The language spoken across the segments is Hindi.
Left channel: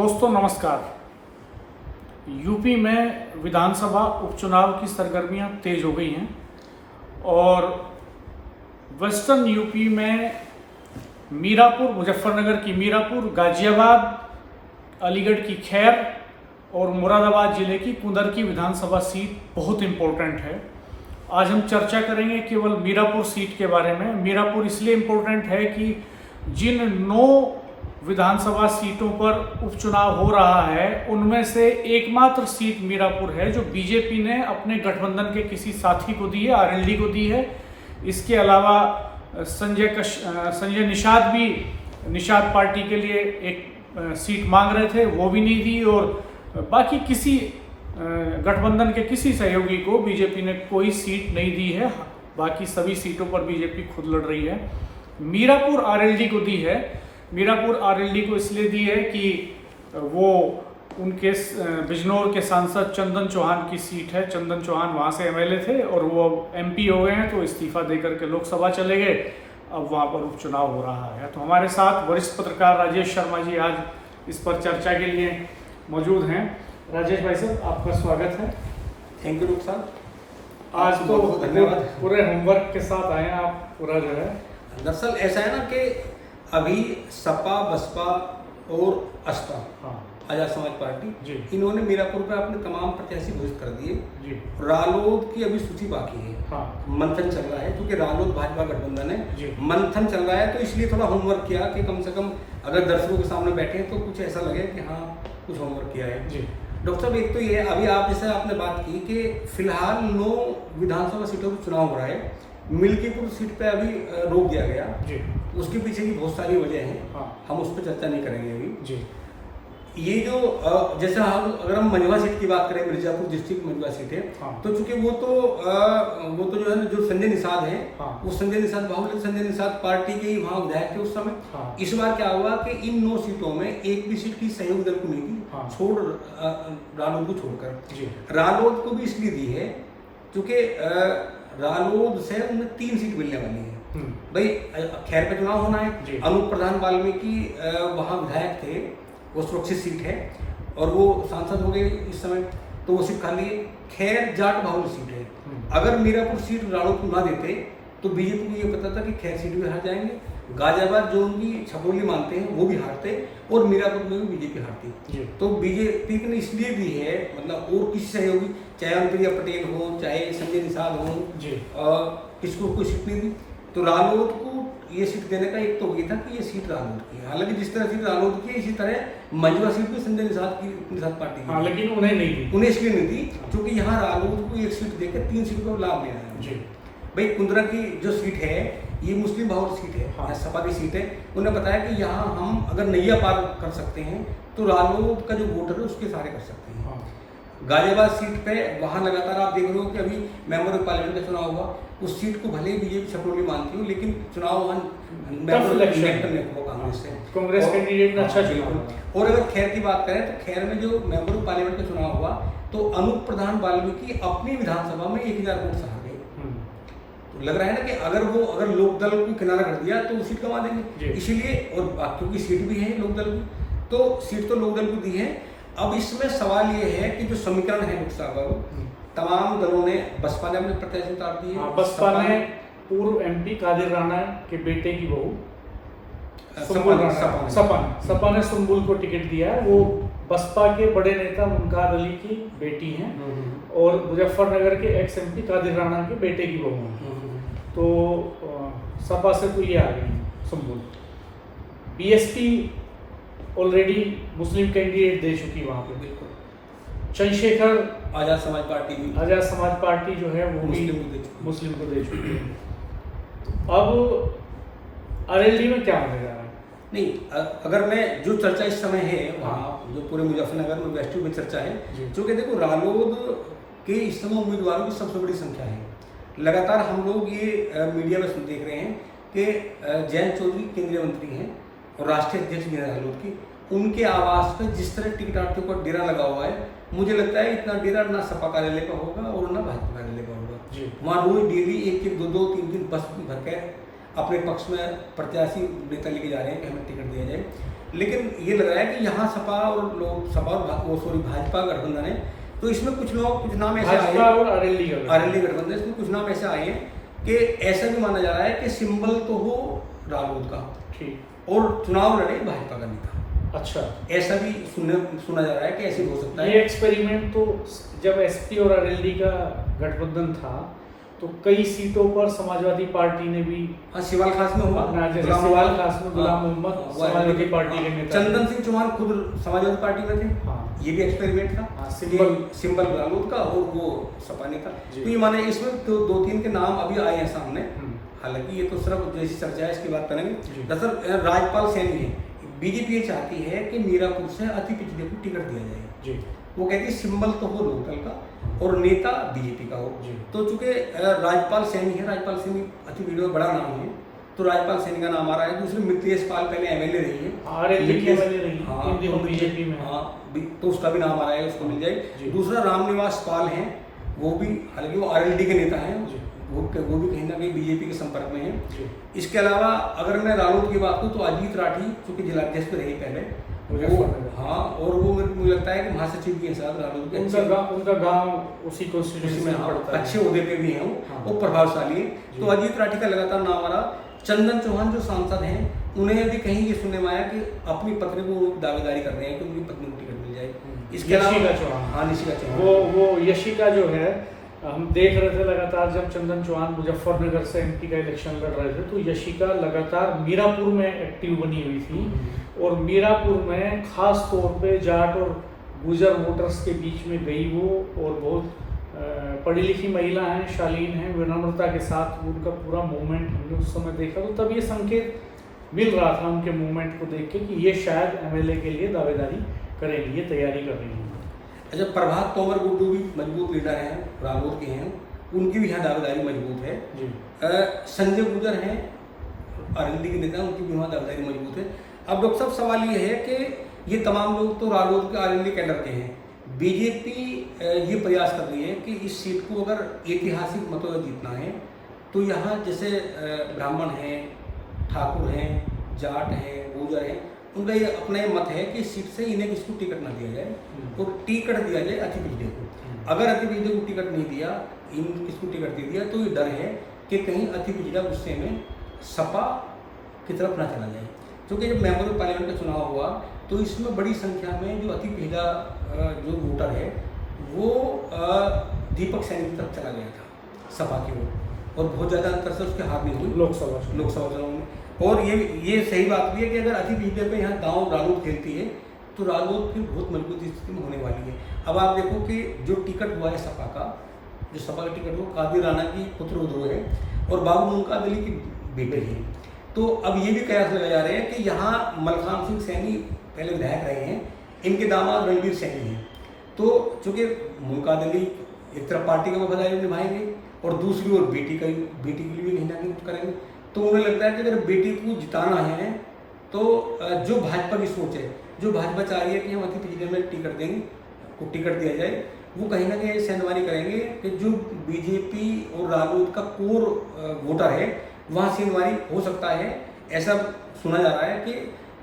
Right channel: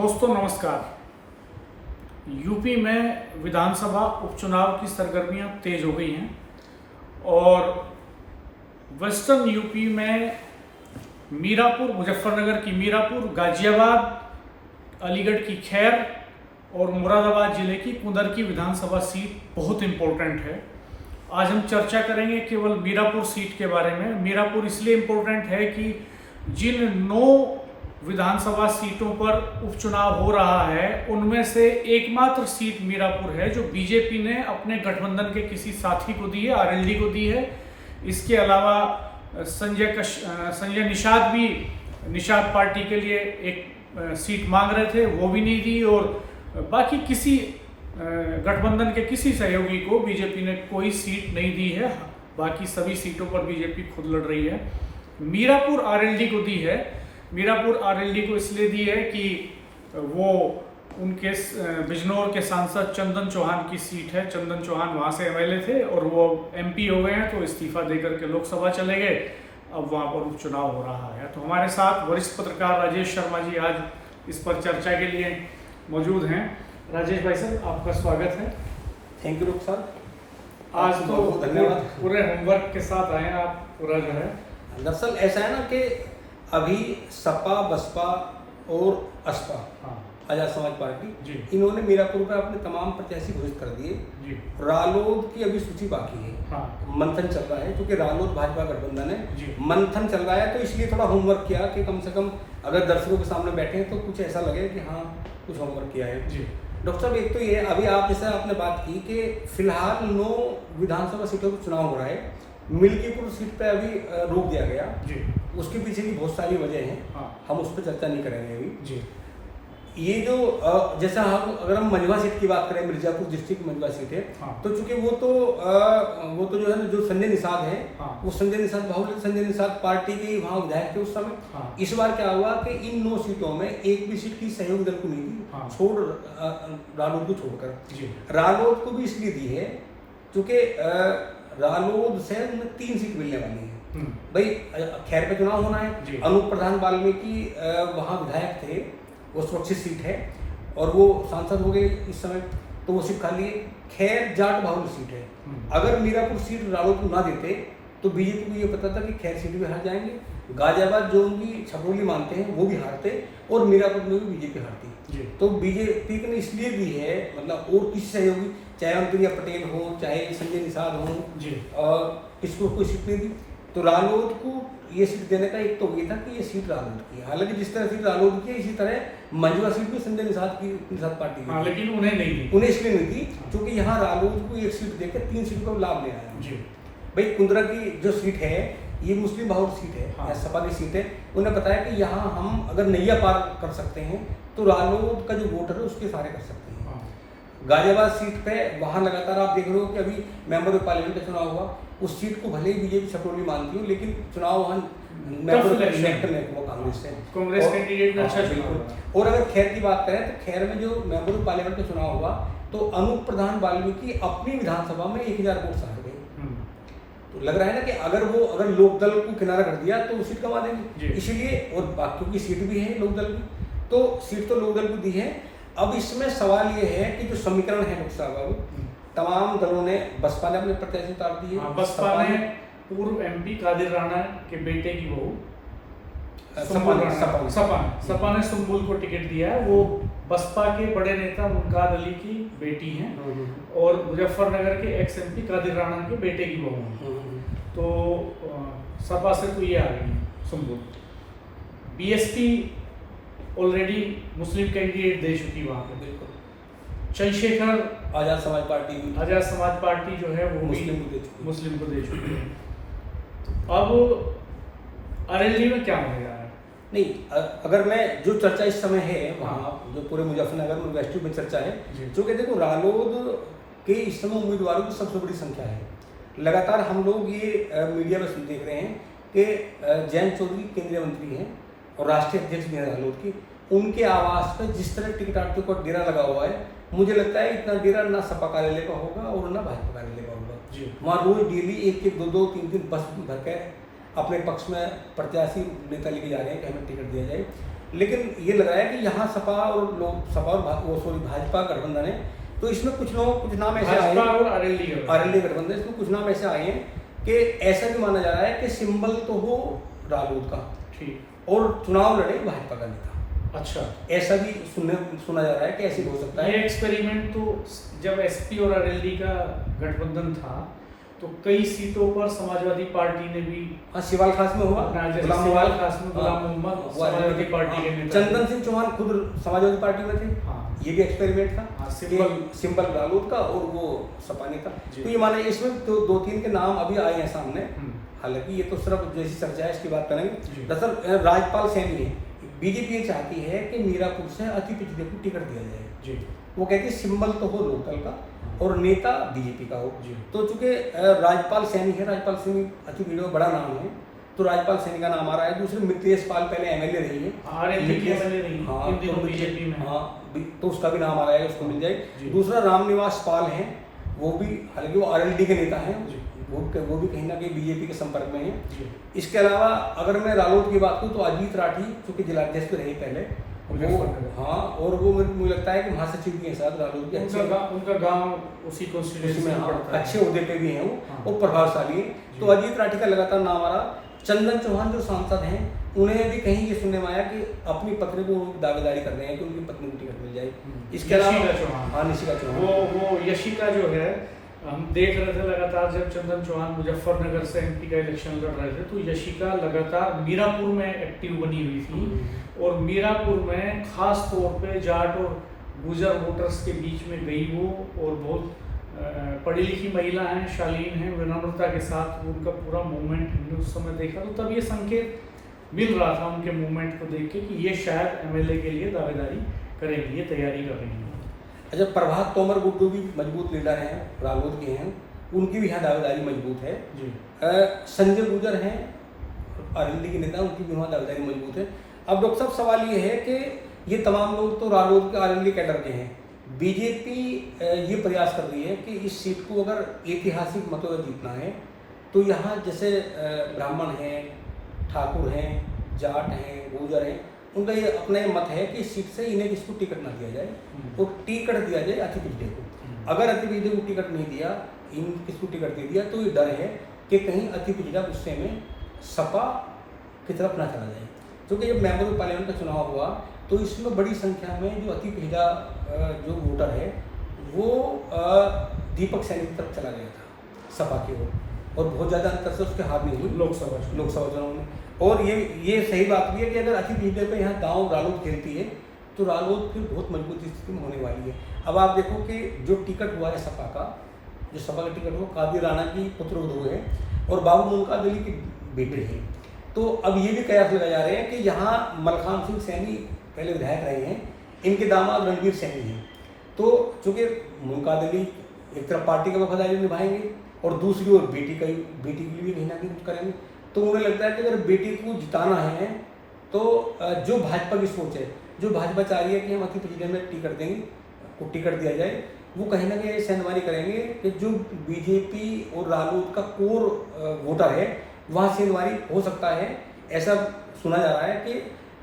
दोस्तों नमस्कार। यूपी में विधानसभा उपचुनाव की सरगर्मियां तेज हो गई हैं और वेस्टर्न यूपी में मीरापुर, मुजफ्फरनगर की मीरापुर, गाजियाबाद, अलीगढ़ की खैर और मुरादाबाद जिले की कुंदर की विधानसभा सीट बहुत इम्पोर्टेंट है। आज हम चर्चा करेंगे केवल मीरापुर सीट के बारे में। मीरापुर इसलिए इम्पोर्टेंट है कि जिन 9 विधानसभा सीटों पर उपचुनाव हो रहा है उनमें से एकमात्र सीट मीरापुर है जो बीजेपी ने अपने गठबंधन के किसी साथी को दी है, आरएलडी को दी है। इसके अलावा संजय निषाद भी निषाद पार्टी के लिए एक सीट मांग रहे थे, वो भी नहीं दी। और बाकी किसी गठबंधन के किसी सहयोगी को बीजेपी ने कोई सीट नहीं दी है। बाकी सभी सीटों पर बीजेपी खुद लड़ रही है। मीरापुर आरएलडी को दी है। मीरापुर आरएलडी को इसलिए दी है कि वो उनके बिजनौर के सांसद चंदन चौहान की सीट है। चंदन चौहान वहाँ से एमएलए थे और वो एमपी हो गए हैं, तो इस्तीफा देकर के लोकसभा चले गए। अब वहाँ पर उपचुनाव हो रहा है। तो हमारे साथ वरिष्ठ पत्रकार राजेश शर्मा जी आज इस पर चर्चा के लिए मौजूद हैं। राजेश भाई साहब, आपका स्वागत है। थैंक यू डॉक्टर साहब। आज तो धन्यवाद, पूरे होमवर्क के साथ आए हैं आप पूरा जो है। दरअसल ऐसा है ना कि अभी सपा, बसपा और असपा, आजाद समाज पार्टी, इन्होंने मीरापुर पे अपने तमाम प्रत्याशी घोषित कर दिए। रालोद की अभी सूची बाकी है। मंथन चल रहा है, क्योंकि रालोद भाजपा गठबंधन है। मंथन चल रहा है, तो इसलिए थोड़ा होमवर्क किया कि कम से कम अगर दर्शकों के सामने बैठे हैं तो कुछ ऐसा लगे कि हाँ कुछ होमवर्क किया है। डॉक्टर साहब, एक तो ये अभी आप जैसे आपने बात की कि फिलहाल 9 विधानसभा सीटों का चुनाव हो रहा है। मिल्कीपुर सीट पे अभी रोक दिया गया। उसके पीछे की बहुत सारी वजह हैं। हम उस पर चर्चा नहीं करेंगे अभी। ये जो जैसा हम अगर हम मंझवा सीट की बात करें, मिर्जापुर डिस्ट्रिक्ट मंझवा सीट है, तो चूंकि वो तो जो है ना, जो संजय निषाद है, वो संजय निषाद बाहुल्य संजय निषाद पार्टी के वहाँ विधायक थे उस समय। इस बार क्या हुआ कि इन 9 सीटों में एक भी सीट की सहयोग दल को नहीं दी, छोड़ रालोद को छोड़कर। रालोद को भी इसलिए दी है क्योंकि रालोद से उन्हें 3 सीट मिलने वाली है। भाई खैर पे चुनाव होना है। अनूप प्रधान वाल्मीकि वहाँ विधायक थे, वो सुरक्षित सीट है और वो सांसद हो गए इस समय, तो वो सीट खाली है। खैर जाट बाहुल्य सीट है। अगर मीरापुर सीट रालोद को ना देते तो बीजेपी को ये पता था कि खैर सीट भी हार जाएंगे। गाजियाबाद जो उनकी छपरोली मानते हैं वो भी हारते और मीरापुर में भी बीजेपी हारती। तो बीजेपी ने इसलिए दी है, मतलब और किसी सहयोगी, चाहे अनुप्रिया पटेल हो, चाहे संजय निषाद हो, और इसको कोई सीट नहीं दी। तो रालोद को ये सीट देने का एक तो ये था कि ये सीट रालोद की है। हालांकि जिस तरह सीट रालोद की है, इसी तरह मंझवा सीट भी संजय निषाद पार्टी की, लेकिन उन्हें नहीं दी। उन्हें इसलिए नहीं दी क्योंकि यहाँ रालोद को एक सीट देकर 3 सीट का लाभ ले आया। भाई कुंदरा की जो सीट है ये मुस्लिम बाहुल्य सीट है, सपा की सीट है। उन्हें बताया कि यहाँ हम अगर नैया पार कर सकते हैं तो रालोद का जो वोटर है उसके सारे कर सकते हैं। गाजियाबाद सीट पे वहाँ लगातार आप देख रहे हो कि अभी मेंबर ऑफ पार्लियामेंट का चुनाव हुआ। उस सीट को भले ही बीजेपी छपरोली मानती हो, लेकिन चुनाव वहाँ कांग्रेस कैंडिडेट अच्छा चुनाव। और अगर खैर की बात करें तो खैर में जो मेंबर ऑफ पार्लियामेंट का चुनाव हुआ तो अनूप प्रधान वाल्मीकि अपनी विधानसभा में 1000 वोट से हार गए। तो लग रहा है ना कि अगर लोकदल को किनारा कर दिया तो सीट कमा देंगे। इसीलिए, और बाकी की सीट भी है लोकदल की, तो सीट तो लोकदल को दी है। अब इसमें सवाल ये है कि जो समीकरण है लोकसभा, तमाम दलों ने, बसपा ने अपने प्रत्याशी उतार दिए। बसपा ने पूर्व एमपी कादिर राणा के बेटे की बहू सपा ने सुम्बुल को टिकट दिया है। वो बसपा के बड़े नेता मुनकाद अली की बेटी हैं और मुजफ्फरनगर के एक्स एमपी कादिर राणा के बेटे की बहू हैं। तो सपा से तो ये आ गई सुम्बुल। बीएसपी ऑलरेडी मुस्लिम कैंडिडेट दे चुकी वहाँ पे। बिल्कुल। चंद्रशेखर आजाद समाज पार्टी जो है वो मुस्लिम को दे चुकी है। तो अब आरएलडी में क्या होने जा रहा है? नहीं, अगर मैं जो चर्चा इस समय है वहाँ जो पूरे मुजफ्फरनगर में वेस्ट में चर्चा है, क्योंकि देखो रालोद के इस समय उम्मीदवारों की सबसे बड़ी संख्या है। लगातार हम लोग ये मीडिया में देख रहे हैं कि जयंत चौधरी केंद्रीय मंत्री हैं और राष्ट्रीय अध्यक्ष भी हैं रालोद की। उनके आवास पर जिस तरह टिकट आर्थियों का डेरा लगा हुआ है, मुझे लगता है इतना डेरा ना सपा कार्यालय का होगा और ना भाजपा कार्यालय का होगा। वहाँ रोज डेली 1-1, 2-2, 3-3 बस भर के अपने पक्ष में प्रत्याशी नेता लेके जा रहे हैं कि हमें टिकट दिया जाए। लेकिन ये लग रहा है कि यहाँ सपा और भाजपा गठबंधन है, तो इसमें कुछ नाम ऐसे आए हैं, और आरएलडी गठबंधन, इसमें कुछ नाम ऐसे आए हैं कि ऐसा भी माना जा रहा है कि सिंबल तो हो रालोद का, ठीक, और चुनाव लड़े भाजपा का नेता। अच्छा, ऐसा भी सुना जा रहा है कि ऐसे हो सकता है। ये एक्सपेरिमेंट तो जब एसपी और आरएलडी का गठबंधन था तो कई सीटों पर समाजवादी पार्टी ने भी, सिवाल खास में हुआ, सिवाल खास में गुलाम मोहम्मद समाजवादी पार्टी के नेता, चंदन सिंह चौहान खुद समाजवादी पार्टी में थे। हाँ, ये भी एक्सपेरिमेंट था, सिंबल रालोद का और वो सपा ने का। तो ये माने इसमें तो 2-3 के नाम अभी आए हैं सामने, हालांकि ये तो सिर्फ जैसी चर्चा है इसकी बात करेंगे। दरअसल राजपाल सैनी है, बीजेपी ये चाहती है कि मीरापुर से अति पिछड़े को टिकट दिया जाए। वो कहती है सिंबल तो हो लोकल का और नेता बीजेपी का हो। तो चूंकि राजपाल सैनी है, राजपाल सैनी अति पिछड़े बड़ा नाम है, तो राजपाल सैनी का नाम आ रहा है। दूसरे मित्रेश पाल पहले एमएलए रही है, तो उसका भी नाम आ रहा है, उसको मिल जाए। दूसरा रामनिवास पाल है, वो भी, हालांकि वो आरएलडी के नेता हैं, वो भी कहीं ना कहीं बीजेपी के संपर्क में है। इसके अलावा अगर मैं रालोद की बात करूँ तो अजीत राठी, चूंकि जिलाध्यक्ष रही पहले, हाँ, और वो मुझे लगता है कि महासचिव के साथ रालोद के उनका गांव उसी कॉन्स्टिट्यूंसी में पड़ता है, अच्छे ओहदे पे भी हैं, वो प्रभावशाली है। तो अजीत राठी का लगातार नाम आ रहा। चंदन चौहान जो सांसद हैं, उन्हें भी कहीं ये सुनने में आया कि अपनी पत्नी को दावेदारी कर रहे हैं कि उनकी पत्नी को टिकट मिल जाए। इसके अलावा निशिका चौहान, वो यशिका जो है, हम देख रहे थे लगातार जब चंदन चौहान मुजफ्फरनगर से एमपी का इलेक्शन लड़ रहे थे, तो यशिका लगातार मीरापुर में एक्टिव बनी हुई थी, और मीरापुर में खास तौर पे जाट और गुजर वोटर्स के बीच में गई वो, और बहुत पढ़ी लिखी महिला हैं, शालीन हैं, विनम्रता के साथ उनका पूरा मूवमेंट हमने उस समय देखा। तो तब ये संकेत मिल रहा था उनके मूवमेंट को देख के कि ये शायद एमएलए के लिए दावेदारी करेंगी, ये तैयारी कर रही हैं। अच्छा, प्रभात तोमर गुड्डू भी मजबूत लीडर हैं, रालोद के हैं, उनकी भी यहाँ दावेदारी मजबूत है। संजय गुजर हैं, आरएलडी के नेता, उनकी भी वहाँ दावेदारी मजबूत है। अब डॉक्टर साहब सवाल ये है कि ये तमाम लोग तो रालोद के आरएलडी कैडर के हैं। बीजेपी ये प्रयास कर रही है कि इस सीट को अगर ऐतिहासिक मतों से जीतना है तो यहाँ जैसे ब्राह्मण हैं, ठाकुर हैं, जाट हैं, गुजर हैं, उनका ये अपना ये मत है कि इस सीट से इन्हें किसको टिकट ना दिया जाए, और टिकट दिया जाए अति पिछड़े को। अगर अति पिछड़े को टिकट नहीं दिया, इन किसको टिकट दे दिया, तो ये डर है कि कहीं अति पिछड़ा गुस्से में सपा की तरफ ना चला जाए। क्योंकि जब मेंबर ऑफ पार्लियामेंट का चुनाव हुआ तो इसमें बड़ी संख्या में जो अति पिछड़ा जो वोटर है वो दीपक सैनी की तरफ चला गया था सपा की ओर, और बहुत ज़्यादा अंतर से उसकी हार नहीं हुई लोकसभा चुनाव में। और ये सही बात भी है कि अगर अति पिछड़े पे यहाँ गाँव रालोद खेलती है तो रालोद फिर बहुत मजबूत स्थिति में होने वाली है। अब आप देखो कि जो टिकट हुआ है सपा का, जो सपा का टिकट हुआ कादिर राणा की पुत्रवधू है और बाबू मुनका अली की बेटे हैं। तो अब ये भी कयास लगाए जा रहे हैं कि यहाँ मलखान सिंह सैनी पहले विधायक रहे हैं, इनके दामाद रणवीर सैनी हैं। तो चूँकि मुनका अली एक तरफ पार्टी का वफादारी निभाएंगे और दूसरी ओर बेटी के लिए भी कहीं ना कहीं करेंगे, तो उन्हें लगता है कि अगर बेटी को जिताना है तो जो भाजपा की सोच है, जो भाजपा चाह रही है कि हम अति पिछड़े में टिकट देंगे, को टिकट दिया जाए, वो कहीं ना कहीं सेंधमानी करेंगे कि जो बीजेपी और रालोद का कोर वोटर है वहाँ सेंधमानी हो सकता है। ऐसा सुना जा रहा है कि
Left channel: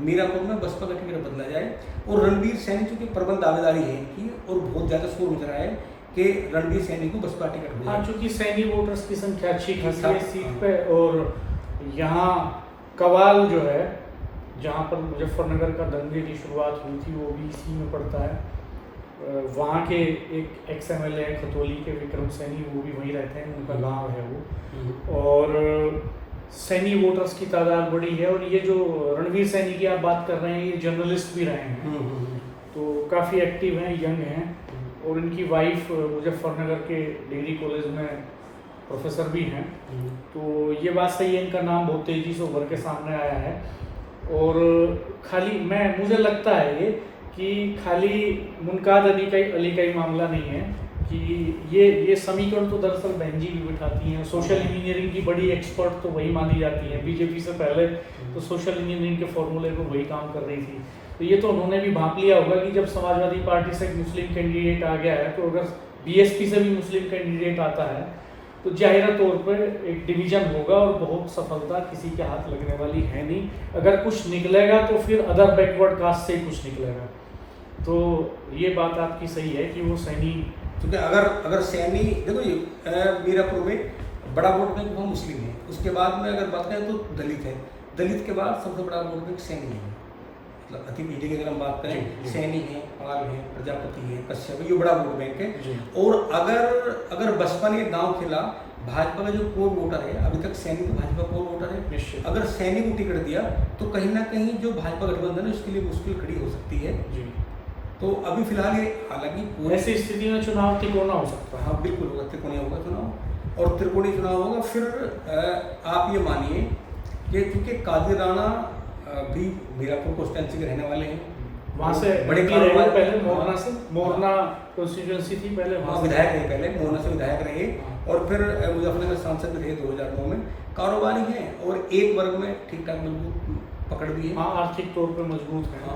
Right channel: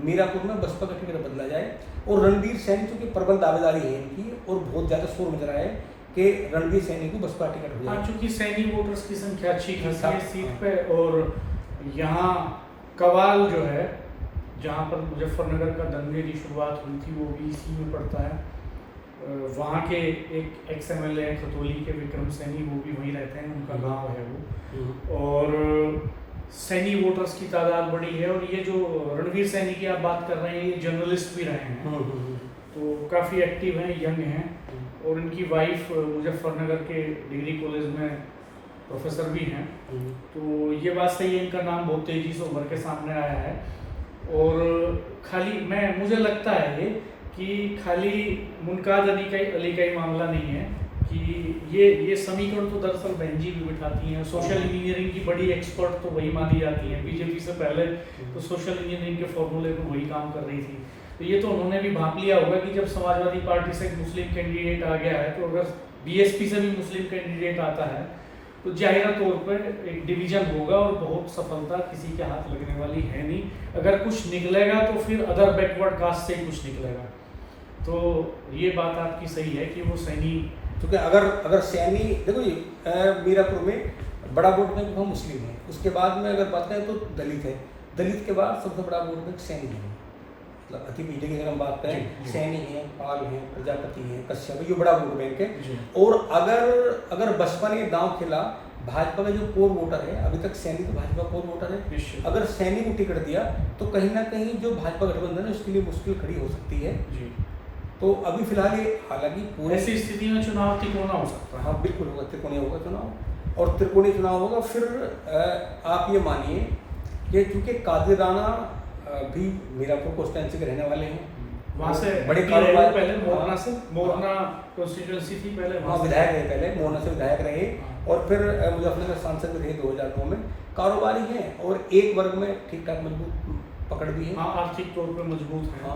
मीरापुर में बसपा का टिकट बदला जाए। और रणवीर सैनी चूँकि प्रबल दावेदारी है इनकी और बहुत ज़्यादा शोर मच रहा है कि रणवीर सैनी को बसपा टिकट हो जाए। चूँकि सैनी वोटर्स की संख्या अच्छी खासी है सीट पे, और यहाँ कवाल जो है जहाँ पर मुजफ्फरनगर का दंगे की शुरुआत हुई थी वो भी इसी में पड़ता है। वहाँ के एक एक्स एमएलए खतौली के विक्रम सैनी, वो भी वहीं रहते हैं, उनका गांव है वो, और सैनी वोटर्स की तादाद बड़ी है। और ये जो रणवीर सैनी की आप बात कर रहे हैं, ये जर्नलिस्ट भी रहे हैं, तो काफ़ी एक्टिव हैं, यंग हैं, और इनकी वाइफ मुजफ्फरनगर के डिग्री कॉलेज में प्रोफेसर भी हैं। तो ये बात सही है, इनका नाम बहुत तेज़ी से उभर के सामने आया है। और खाली मुझे लगता है ये कि खाली मुनकाद अली का ही मामला नहीं है कि ये समीकरण तो दरअसल बहन जी भी बिठाती हैं। सोशल इंजीनियरिंग की बड़ी एक्सपर्ट तो वही मानी जाती हैं, बीजेपी से पहले तो सोशल इंजीनियरिंग के फॉर्मूले को वही काम कर रही थी। तो ये तो उन्होंने भी भांप लिया होगा कि जब समाजवादी पार्टी से एक मुस्लिम कैंडिडेट आ गया है, तो अगर बीएसपी से भी मुस्लिम कैंडिडेट आता है तो जाहिर तौर पर एक डिवीजन होगा और बहुत सफलता किसी के हाथ लगने वाली है नहीं। अगर कुछ निकलेगा तो फिर अदर बैकवर्ड कास्ट से ही कुछ निकलेगा। तो ये बात आपकी सही है कि वो सैनी, क्योंकि अगर सैनी देखो ये मीरापुर में बड़ा वोट बैंक वहाँ मुस्लिम है, उसके बाद में अगर बात करें तो दलित है, दलित के बाद सबसे बड़ा वोट बैंक सैनी है। मतलब अति पीढ़ी की अगर हम बात करें, सैनी है, पाल है, प्रजापति है, कश्यप है, ये बड़ा वोट बैंक है। और अगर बसपा ने दांव खेला, भाजपा का जो कोर वोटर है, अभी तक सैनी तो भाजपा कोर वोटर है, अगर सैनी को टिकट दिया तो कहीं ना कहीं जो भाजपा गठबंधन है उसके लिए मुश्किल खड़ी हो सकती है। तो अभी फिलहाल ये हालांकि ऐसी स्थिति में चुनाव तिकोना हो सकता है। हाँ बिल्कुल होगा, त्रिकोणीय होगा चुनाव, और त्रिकोणीय चुनाव होगा। फिर आप ये मानिए कि चूँकि कादिर राणा भी मीरापुर कॉन्स्टिट्यूंसी के रहने वाले हैं, वहाँ से बड़े कारोबार पहले मोरना से, मोरना कॉन्स्टिट्यूंसी थी पहले, वहाँ विधायक रहे, पहले मोरना से विधायक रहे और फिर मुजफ्फरनगर सांसद रहे 2009 में। कारोबारी हैं और एक वर्ग में ठीक ठाक मजबूत पकड़ भी है। हाँ, आर्थिक तौर पे मजबूत है।